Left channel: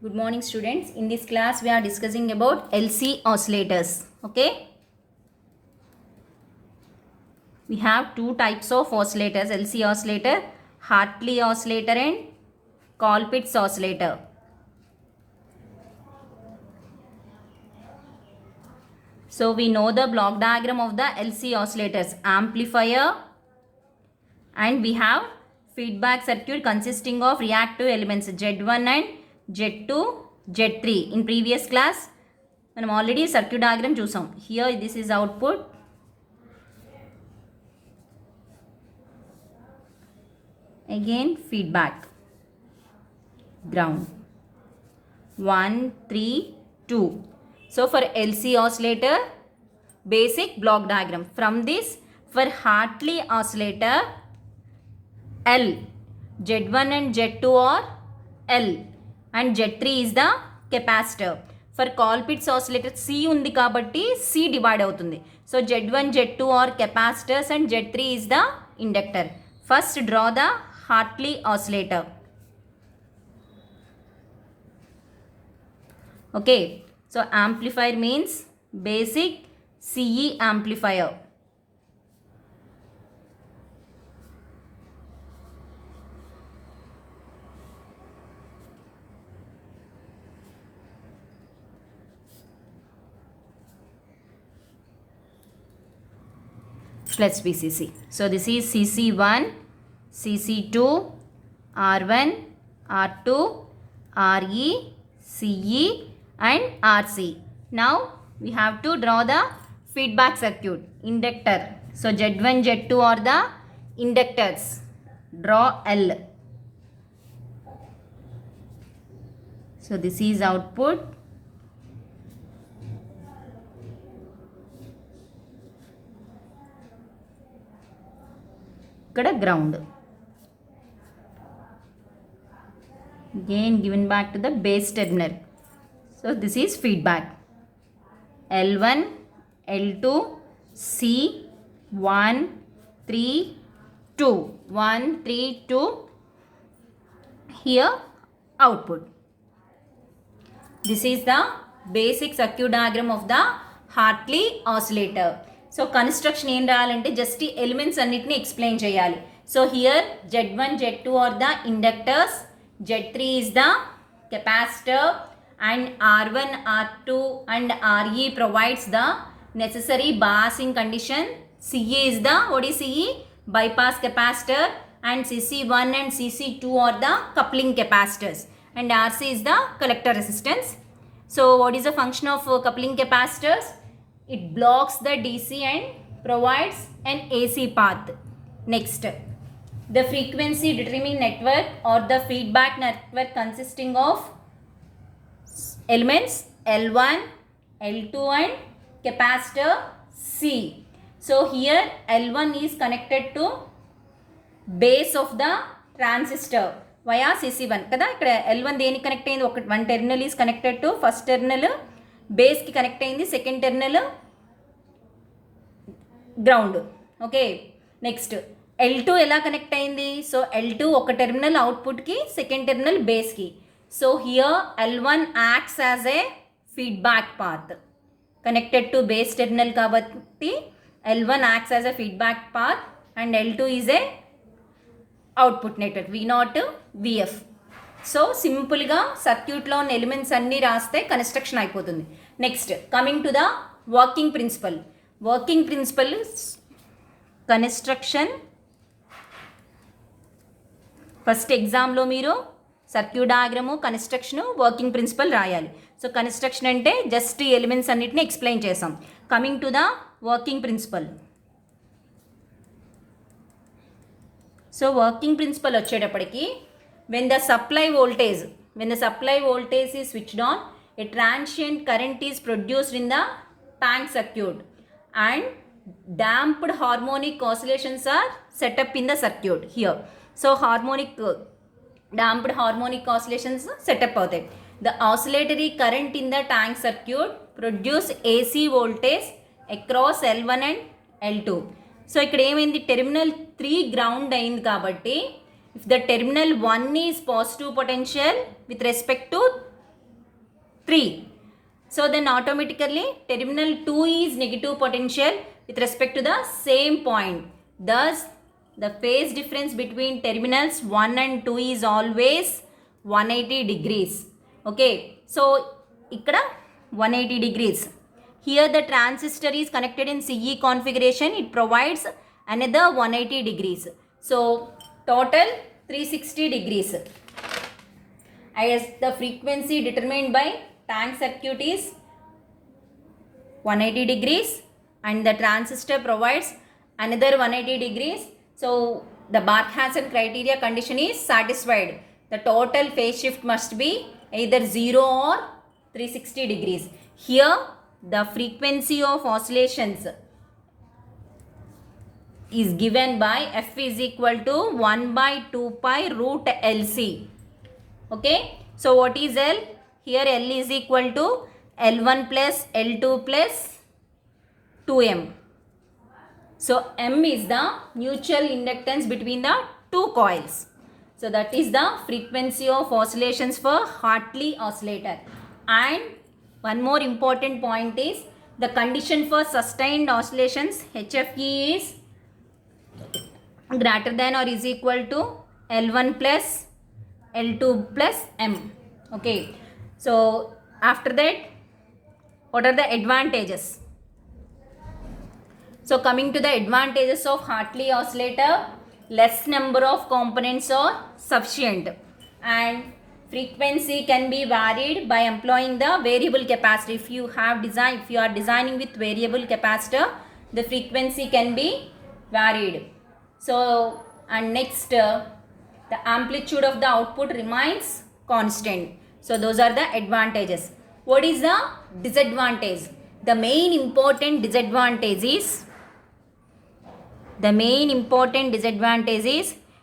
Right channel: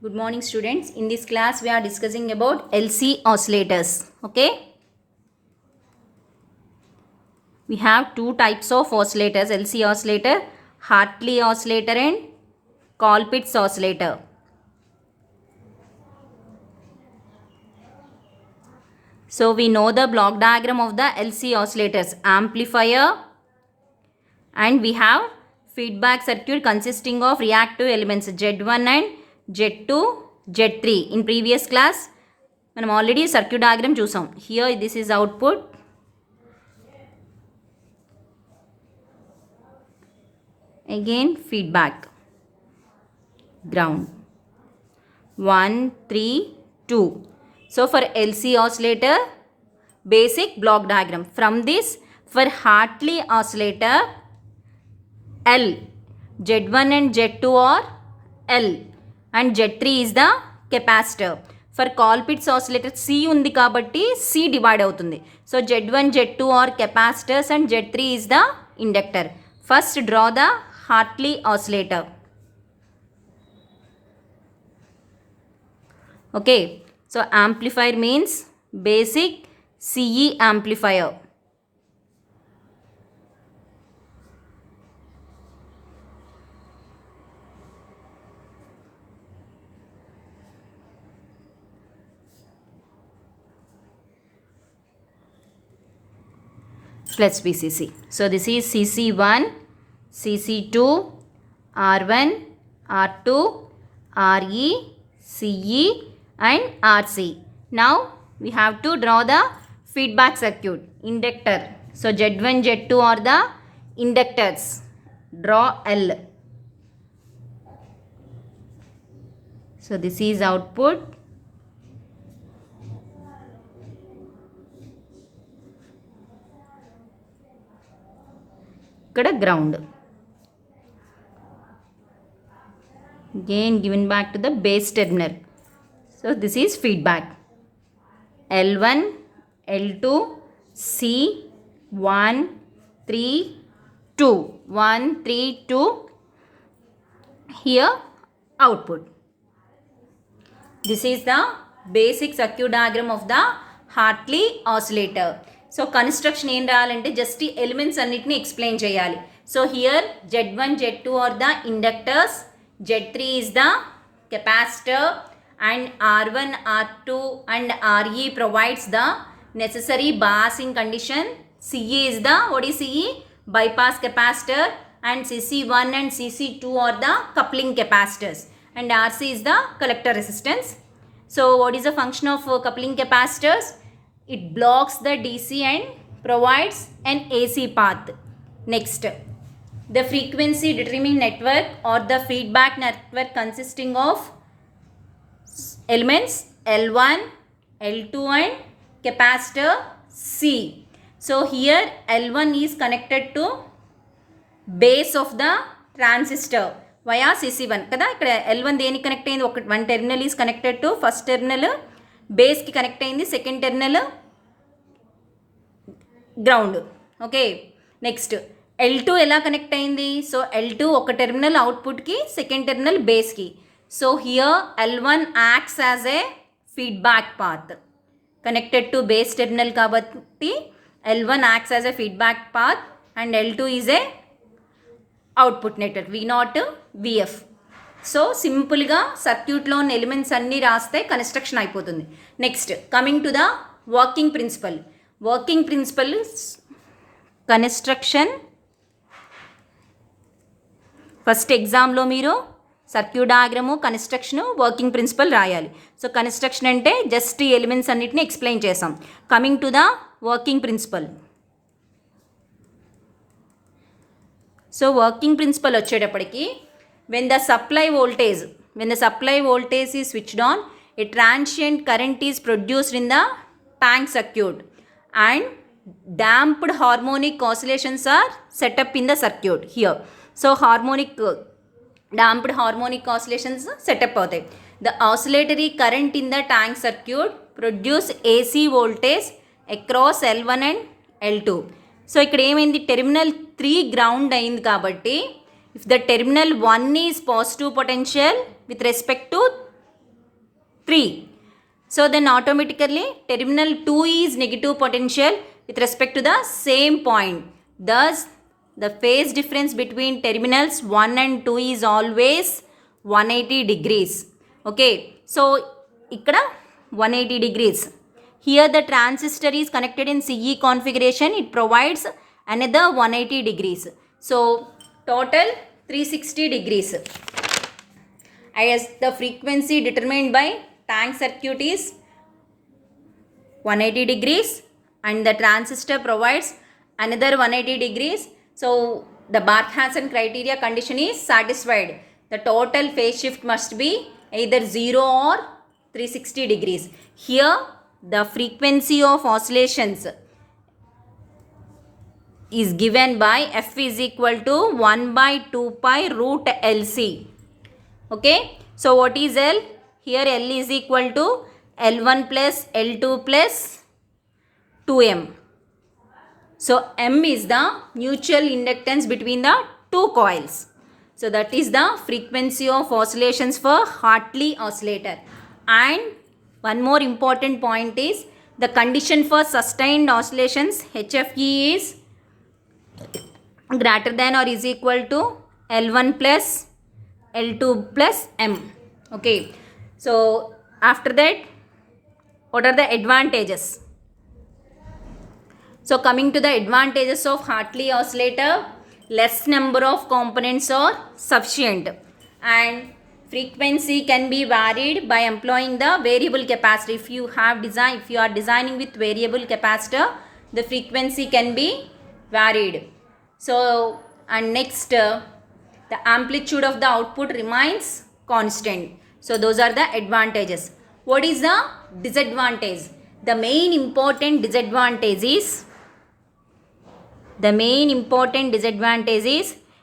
Good morning students. In this class we are discussing about LC oscillators. Okay. We have two types of oscillators, LC oscillator, Hartley oscillator and Colpitt's oscillator. So we know the block diagram of the LC oscillators, amplifier, and we have feedback circuit consisting of reactive elements Z1 and Z2, Z3. In previous class, మనం already circuit diagram చూసాం. Here this is output. Again feedback. Ground. 1, 3, 2. So for LC oscillator, basic block diagram. From this, for Hartley oscillator, L, Z1 and Z2 are L and Z3 is the capacitor. For Colpitt's oscillator, C undi kabatti C divide avutundi. So Z1, Z2 are capacitors and Z3 is the inductor. First draw the Hartley oscillator. Okay, so amplifier means basic CE amplifier. Plus VCC. So this is CC1, CC2, R1, R2, RE, CE and RC. Now we have to draw the feedback circuit, inductor. So Z1, Z2 are the inductors. Draw L. So this is output. Ikkada ground. Again given back to the base terminal. So this is feedback. L1, L2, C, 1, 3, 2. 1, 3, 2. Here output. This is the basic circuit diagram of the Hartley oscillator. So construction em raalante just the elements annitni explain cheyali. So here Z1, Z2 are the inductors, Z3 is the capacitor, and R1, R2 and RE provides the necessary biasing condition. CE is the, what is CE? Bypass capacitor, and CC1 and CC2 are the coupling capacitors, and RC is the collector resistance. So what is the function of coupling capacitors? It blocks the DC and provides an AC path. Next, the frequency determining network or the feedback network consisting of elements L1, L2 and capacitor C. So here L1 is connected to base of the transistor via CC1 kada. Ikkada L1 దేనికి connect అయింది? one terminal is connected to first terminal, base కి connect అయింది, second terminal ground. Okay, next L2 ఎలా connect అయింది? So L2 ఒక terminal అవుట్పుట్కి, second terminal బేస్కి. So here L1 acts as a feedback path connected to base terminal కాబట్టి L1 acts as a feedback path and L2 is a output network V0, VF. So సింపుల్గా సర్క్యూట్లో ఉన్న elements అన్నీ రాస్తే construction అయిపోతుంది. Next coming to the working principle. Working principle construction. First ఎగ్జామ్లో మీరు circuit diagram, construction, working principle రాయాలి. So construction అంటే జస్ట్ ఈ ఎలిమెంట్స్ అన్నిటిని ఎక్స్ప్లెయిన్ చేసాం. Coming to the working principal. So working principle వచ్చేటప్పటికి when the supply voltage is switched on, a transient current is produced in the tank circuit and damped harmonic oscillations are set up in the circuit here. So damped harmonic oscillations set up అవుతాయి. The oscillatory current in the tank circuit produce AC voltage across L1 and L2. So ఇక్కడ ఏమైంది? Terminal 3 ground అయింది కాబట్టి if the terminal 1 is positive potential with respect to 3. So then automatically terminal 2 is negative potential with respect to the same point. Thus the phase difference between terminals 1 and 2 is always 180 degrees. Okay, so ikkada 180 degrees. Here the transistor is connected in CE configuration. It provides another 180 degrees. So total 360 degrees. As the frequency determined by tank circuit is 180 degrees and the transistor provides another 180 degrees. So the Barth-Hassan criteria condition is satisfied. The total phase shift must be either 0 or 360 degrees. Here the frequency of oscillations is given by f is equal to 1 by 2 pi root LC. Okay, so what is L? Here L is equal to L1 plus L2 plus 2M. So M is the mutual inductance between the two coils. So that is the frequency of oscillations for Hartley oscillator. And one more important point is the condition for sustained oscillations HFE is greater than or is equal to L1 plus L2 plus M. Okay. So after that, what are the advantages? So coming to the advantages of Hartley oscillator, less number of components are sufficient and frequency can be varied by employing the variable capacitor. If you are designing with variable capacitor, the frequency can be varied. So and next the amplitude of the output remains constant. So those are the advantages. What is the disadvantage? The main important disadvantage is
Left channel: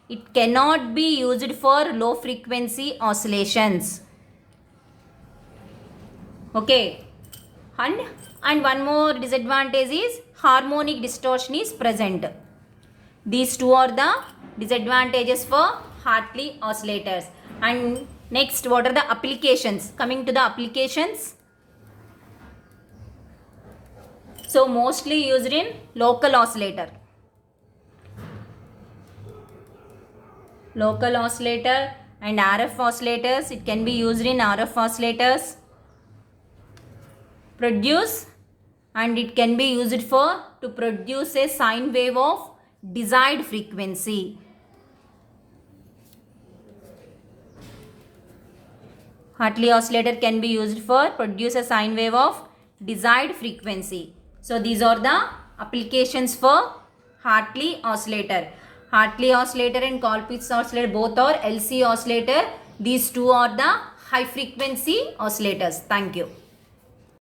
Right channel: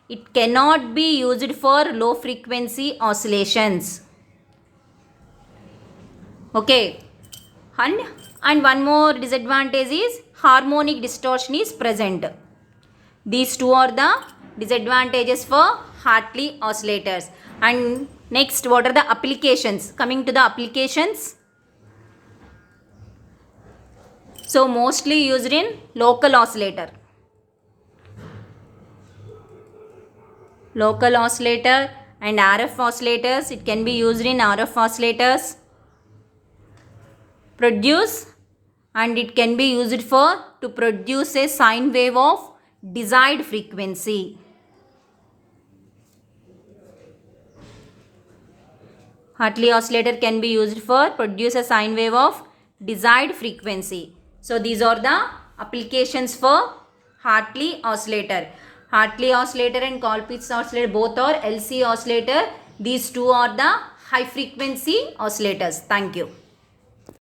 it cannot be used for low frequency oscillations. Okay, and one more disadvantage is harmonic distortion is present. These two are the disadvantages for Hartley oscillators. And next, what are the applications? Coming to the applications, so mostly used in local oscillator. Local oscillator and RF oscillators. It can be used in RF oscillators. And it can be used to produce a sine wave of desired frequency. Hartley oscillator can be used for produce a sine wave of desired frequency. So these are the applications for Hartley oscillator. Hartley oscillator and Colpitts oscillator both are LC oscillator. These two are the high frequency oscillators. Thank you.